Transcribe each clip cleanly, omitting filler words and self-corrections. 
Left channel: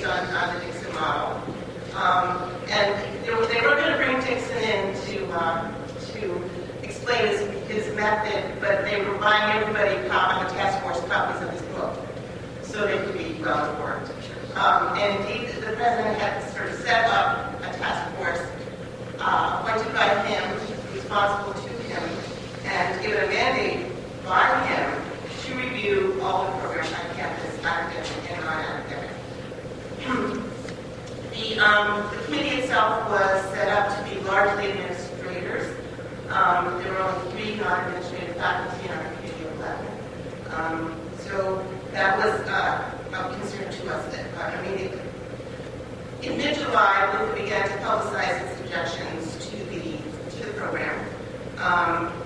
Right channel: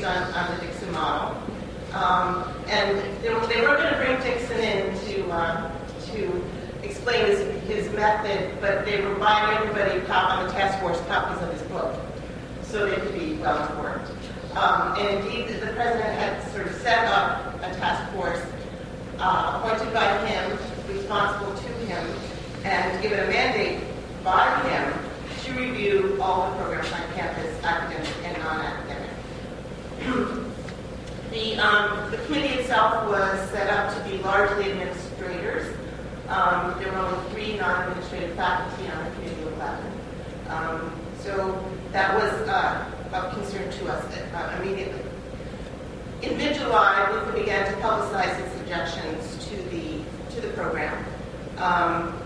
based on the Dixon model. And they were going to bring Dixon in to explain his method, but they were buying everybody on the task force copies of his book, so they could be well informed. And indeed, the president had sort of set up a task force appointed by him, responsible to him, and given a mandate by him to review all the programs on campus, academic and non-academic. The committee itself was set up to be largely administrators. There were only 3 non-administrative faculty on the committee of 11. So that was of concern to us immediately. In mid-July, Luca began to publicize its suggestions to the program.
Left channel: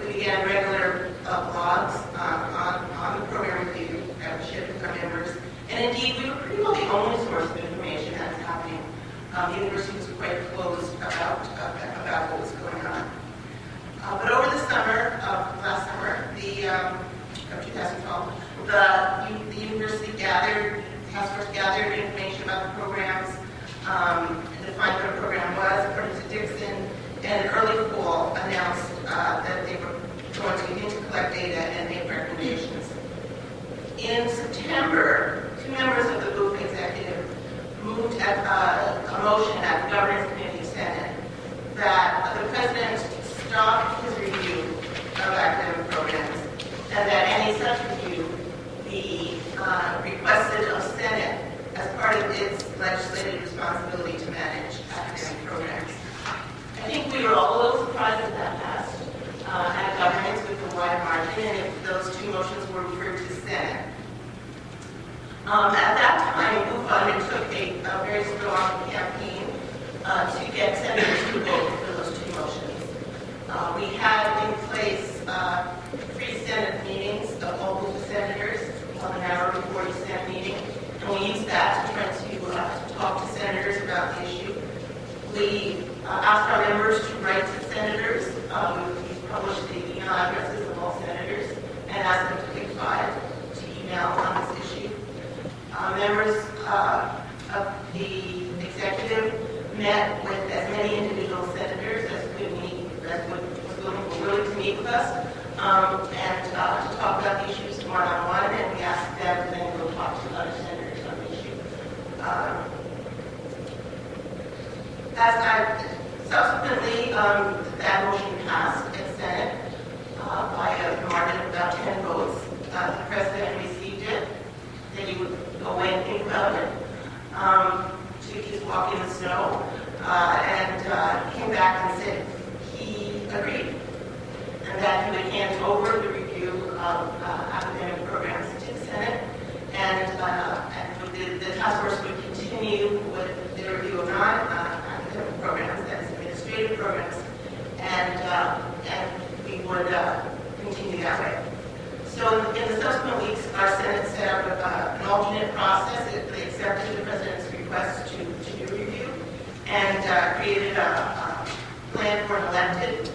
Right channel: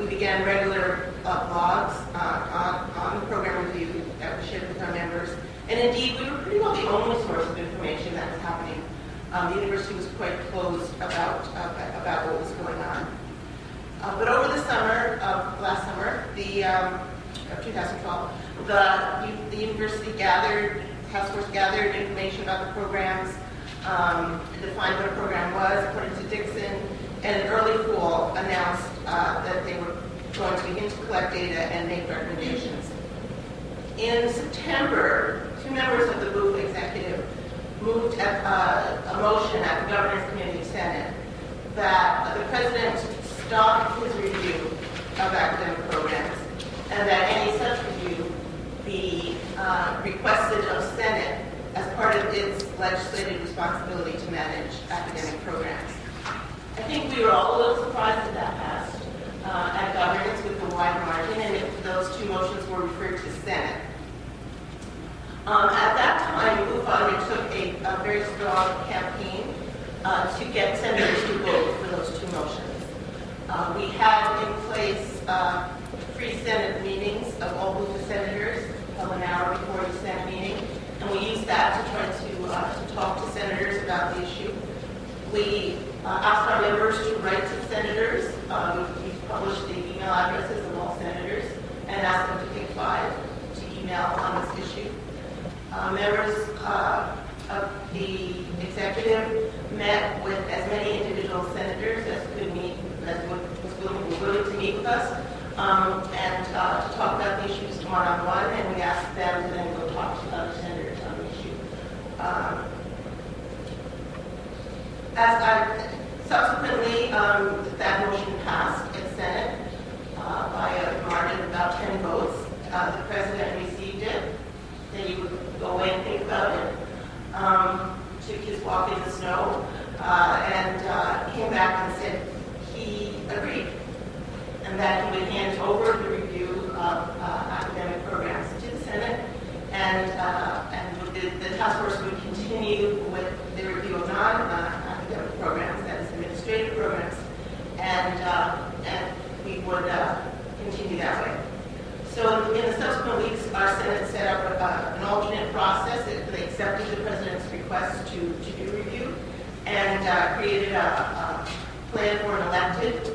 We began regular blogs on the program review that we shared with our members. And indeed, we were pretty well the only source of information that was happening. The university was quite closed about what was going on. But over the summer, last summer, of 2012, the university task force gathered information about the programs, defined what a program was according to Dixon, and in early fall announced that they were going to begin to collect data and make recommendations. In September, 2 members of the Booth executive moved a motion at the Governance Committee Senate that the president stop his review of academic programs and that any such review be requested of Senate as part of its legislative responsibility to manage academic programs. I think we were all a little surprised that that passed at governance with a wide margin, and those 2 motions were referred to Senate. At that time, UFA undertook a very strong campaign to get senators to vote for those 2 motions. We had in place free Senate meetings of all of the senators, held an hour before the Senate meeting, and we used that to try to talk to senators about the issue. We asked our members to write to senators. We published the email addresses of all senators and asked them to pick 5 to email on this issue. Members of the executive met with as many individual senators as could meet, were willing to meet with us, and to talk about the issues one-on-one, and we asked them to then go talk to other senators on the issue. Subsequently, that motion passed in Senate by a margin of about 10 votes. The president received it. Then he would go away and think about it. Took his walk in the snow and came back and said he agreed, and that he would hand over the review of academic programs to the Senate, and the task force would continue with the review of non-academic programs, that is administrative programs, and we would continue that way. So in the subsequent weeks, our Senate set up an alternate process. They accepted the president's request to do review and created a plan for an elected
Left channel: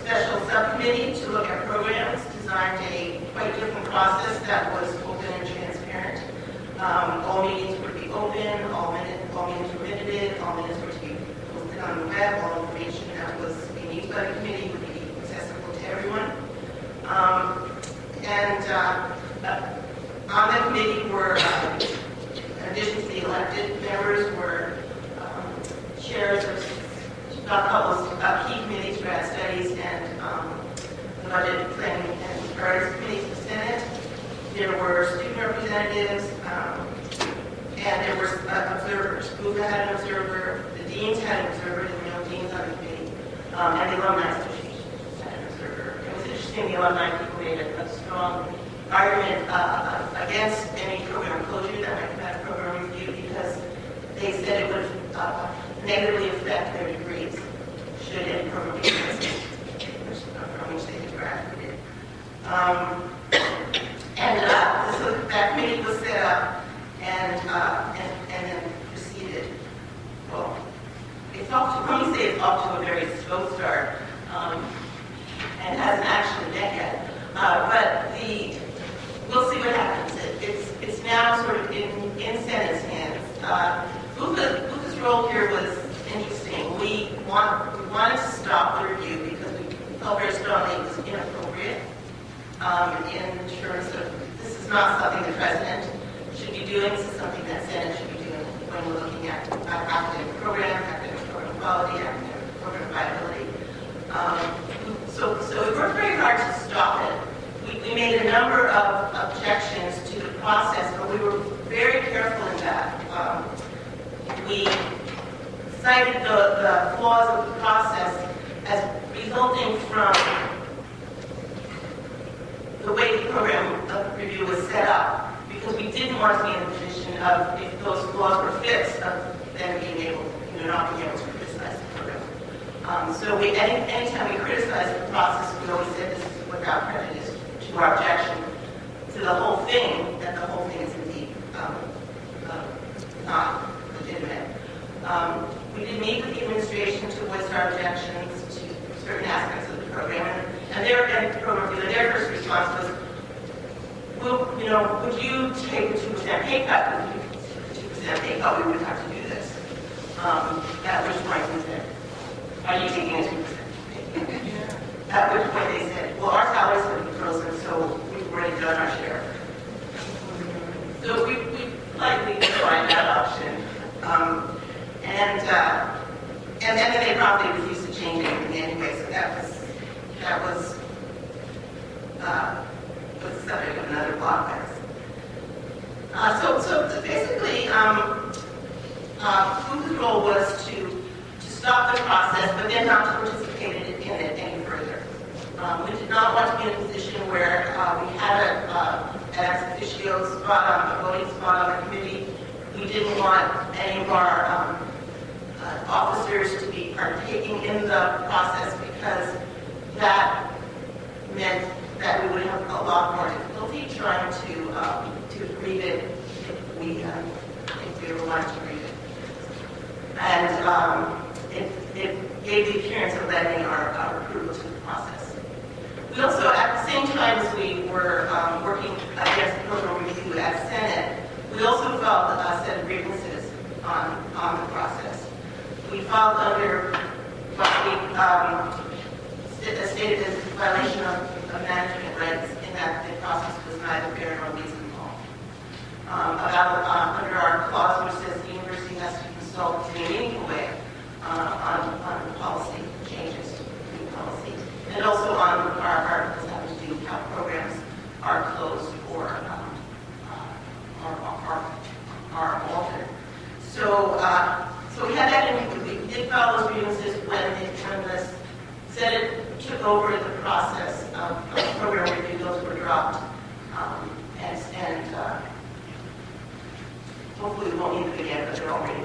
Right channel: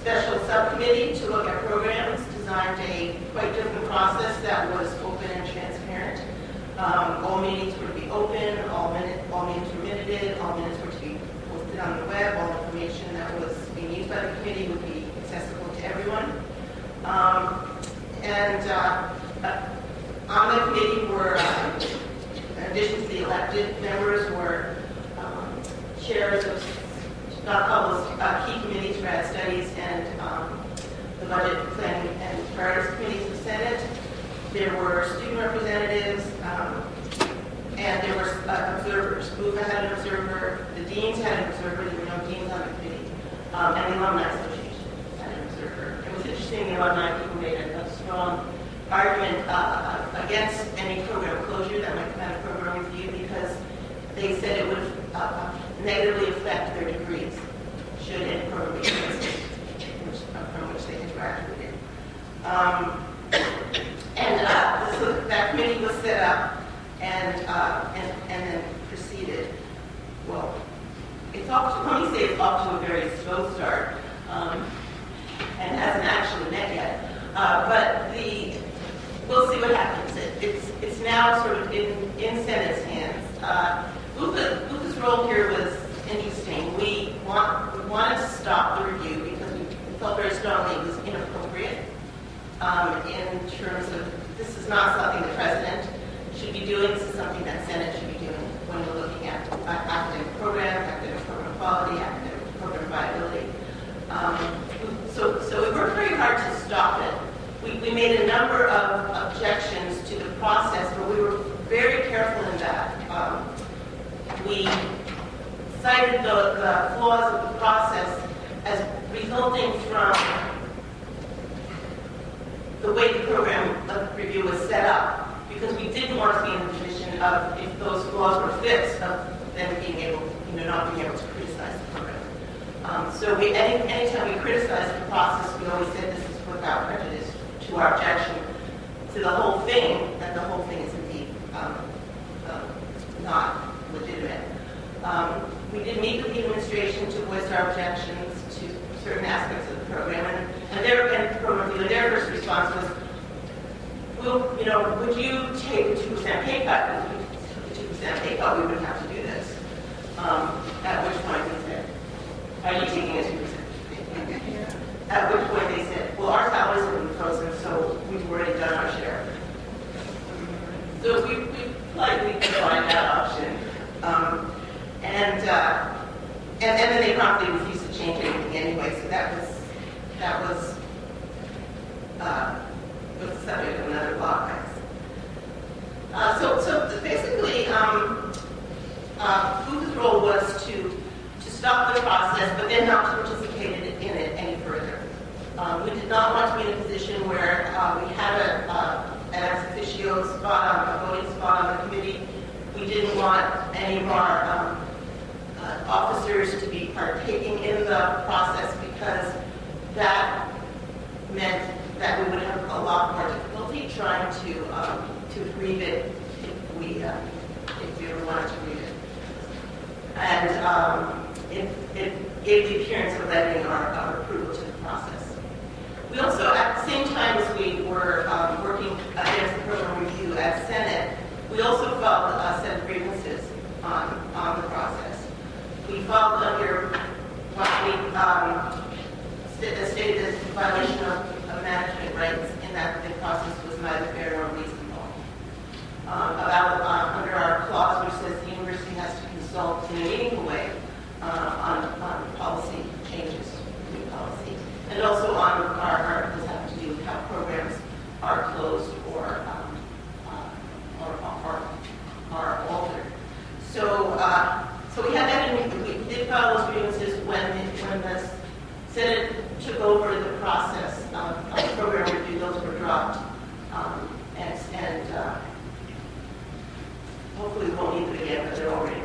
special subcommittee to look at programs, designed a quite different process that was open and transparent. All meetings would be in terms of this is not something the president should be doing. This is something that Senate should be doing when we're looking at academic program quality, academic program viability. So we worked very hard to stop it. We made a number of objections to the process, but we were very careful in that. We cited the flaws of the process as resulting from the way the program review was set up, because we didn't want to be in the position of, if those flaws were fixed, of then being able, not being able to criticize the program. So anytime we criticized the process, we always said this is without prejudice to our objection to the whole thing, that the whole thing is indeed not legitimate. We did meet with the administration to voice our objections to certain aspects of the program, and their first response was, well, would you take a 2% pay cut? With a 2% pay cut, we would have to do this. At which point we said, are you taking a 2% pay cut? At which point they said, well, our salaries have been frozen, so we've already done our share. So we politely declined that option. And then they promptly refused to change anything anyway, so that was the subject of another blog post. So basically, FUCA's role was to stop the process, but then not to participate in it any further. We did not want to be in a position where we had an ex officio spot a voting spot on the committee. We didn't want any of our officers to be partaking in the process, because that meant that we would have a lot more difficulty trying to read it if we ever wanted to read it. And it gave the appearance of letting our approval to the process. We also, at the same time as we were working against the program review at Senate, we also filed a set of grievances on the process. We filed under what we stated as a violation of management rights, in that the process was neither fair nor reasonable. Under our clause, which says the university has to consult in a meaningful way on policy changes, new policy, and also on our articles having to do with how programs are closed or are altered. So we had that, and we did file those grievances when the Senate took over the process of program review. Those were dropped, and hopefully we won't need them again, but they're already